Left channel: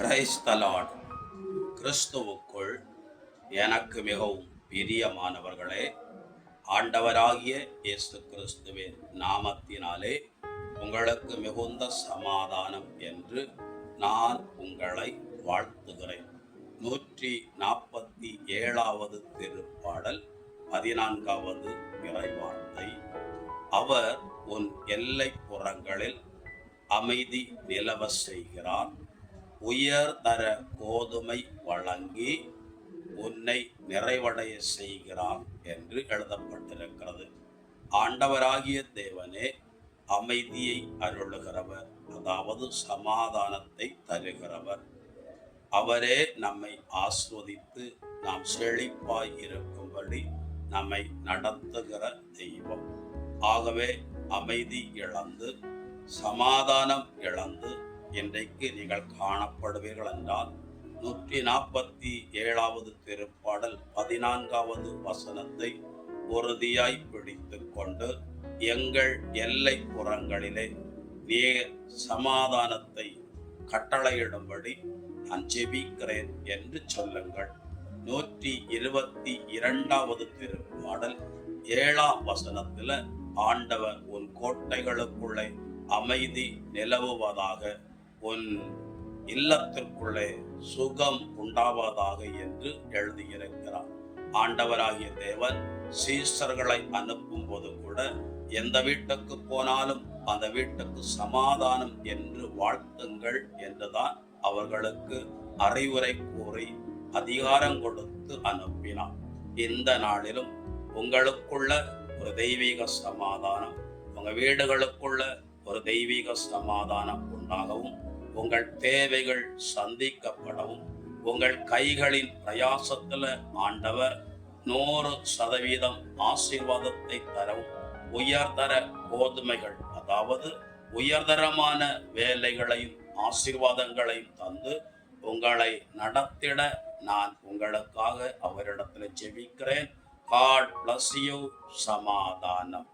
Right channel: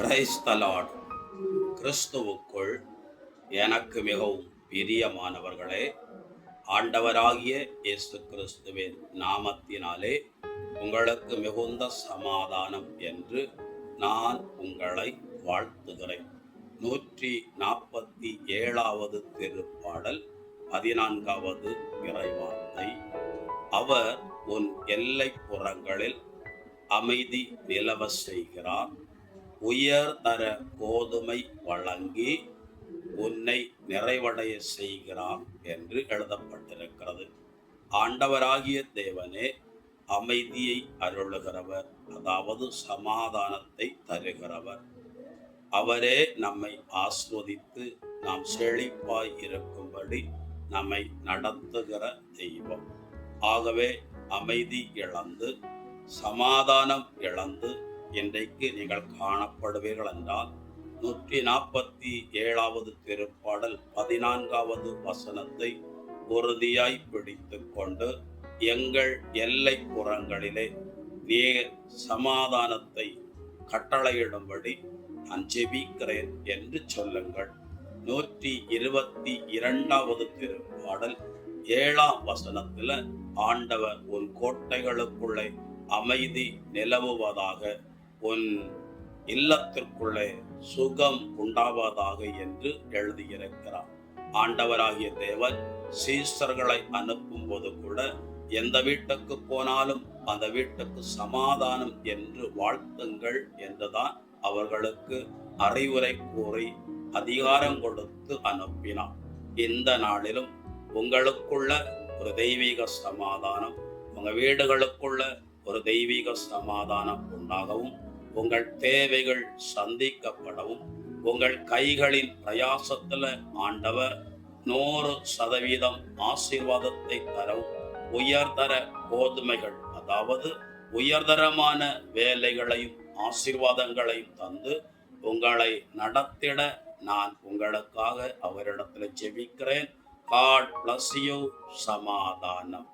Praise the Lord. கிறிஸ்துவுக்குள் எனக்கு மிகவும் பிரியமானவர்களே, ஆண்டவராகிய இயேசு கிறிஸ்துவின் நாமத்தினாலே உங்களுக்கு மிகுந்த சமாதானம் என்று நான் உங்களை வாழ்த்துகிறேன். 147வது திருப்பாடல் 14வது இறைவார்த்தை. அவர் உன் எல்லை புறங்களில் அமைதி நிலவ செய்கிறார், உயர்தர கோதுமை வழங்கி உன்னை நிறைவடைய செய்கிறார் என்று எழுதப்பட்டிருக்கிறது. ஆண்டவராகிய தேவனே அமைதியை அருளுகிறவர், அதாவது சமாதானத்தை தருகிறவர். அவரே நம்மை ஆஸ்வதித்து நாம் செழிப்பாய் இருக்கும்படி நம்மை நடத்துகிற தெய்வம். ஆகவே அமைதி இழந்து சமாதானம் இழந்து இன்றைக்கு நீங்கள் காணப்படுவீர்கள் என்றால் 147வது திருப்பாடல் 14வது வசனத்தை உறுதியாய் பிடித்து கொண்டு, எங்கள் எல்லை புறங்களிலே நீர் சமாதானத்தை கட்டளையிடும்படி நான் ஜெபிக்கிறேன் என்று சொல்லுங்கள். 122வது திருப்பாடல் 7ஆம் வசனத்துல ஆண்டவர் உன் கோட்டைகளுக்குள்ளே அமைதி நிலவுவதாக, உன் இல்லத்திற்குள்ளே சுகம் உண்டாவதாக என்று எழுதியிருக்கிறார். ஆண்டவராகிய தேவன் சீசர்களை அனுப்பும் போது கூட எந்த வீட்டுக்கு போனாலும் அந்த வீட்டுக்கு சமாதானம் என்று வாழ்த்துங்கள் என்றுதான் அவர்களுக்கு அறிவுரை கூறி அதிகாரம் கொடுத்து அனுப்பினார். இந்த நாளிலும் உங்களுக்குள்ள ஒரு தெய்வீக சமாதானம், உங்க வீடுகளுக்குள்ள ஒரு தெய்வீக சமாதானம் உண்டாகவும், உங்கள் தேவைகள் சந்திக்கப்படவும், உங்கள் கைகளின் பிரயாசத்துல ஆண்டவர் 100% ஆசீர்வாதத்தை தரவும், உயர்தர கோதுமைகள், அதாவது உயர்தரமான வேலைகளையும் ஆசீர்வாதங்களையும் தந்து உங்களை நடத்திட நான் உங்களுக்காக அவரிடத்தில் ஜெபிக்கிறேன். God bless you. சமாதானம்.